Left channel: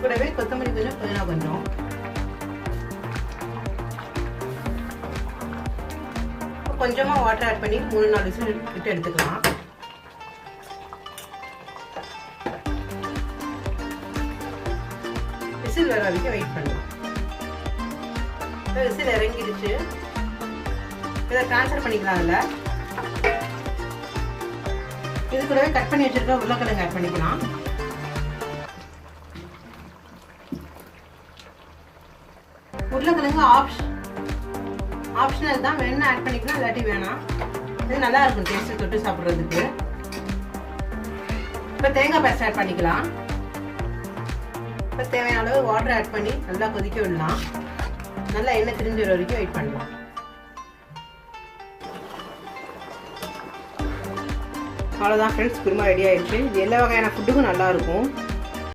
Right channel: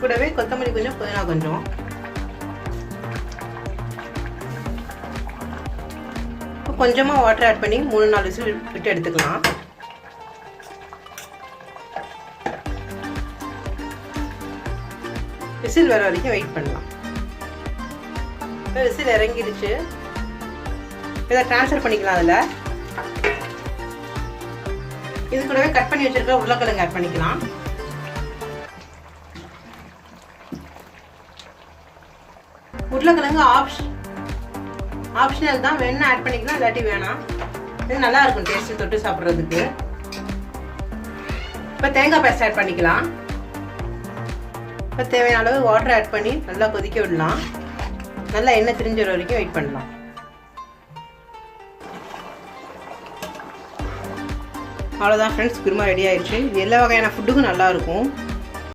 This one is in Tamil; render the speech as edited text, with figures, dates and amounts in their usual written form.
கூடவே கொத்தமல்லி கொஞ்சம், புதினா கொஞ்சம். கொஞ்சமாக வாட்டர் ஆட் பண்ணி 3-4 விசில் விட்டு எடுத்துக்கலாம். விசில் வர வரைக்கும் வெயிட் பண்ணலாம். விசில் இறங்கிடுச்சு. இதை ட்ரான்ஸ்ஃபர் பண்ணிக்கலாம். அதில் இது கூடவே கட் பண்ணி வச்சிருக்க உருளைக்கிழங்கு ஆட் பண்ணிக்கலாம். உருளைக்கிழங்கு ஆப்ஷனல் தான், வேணா ஆட் பண்ணிக்கலாம், இல்லாட்டி வேணாம். இது நல்லா இருக்கும் டேஸ்ட் தொட்டு சாப்பிட்றதுக்கு. இப்போ தேங்காய் பேஸ்ட் ஆட் பண்ணிக்கலாம். இப்போ தேவையான அளவு வாட்டர் ஆட் பண்ணி நல்லா கொதிக்க விடலாம். நல்லா எண்ணெய் திரிஞ்ச வரைக்கும் வெயிட் பண்ணலாம். அவ்வளோதான் ஃப்ரெண்ட்ஸ், குருமா ரெடி ஆயிடுச்சு. இது எல்லா வகையான ஃபுட்டுக்கும் நல்லா இருக்கும்.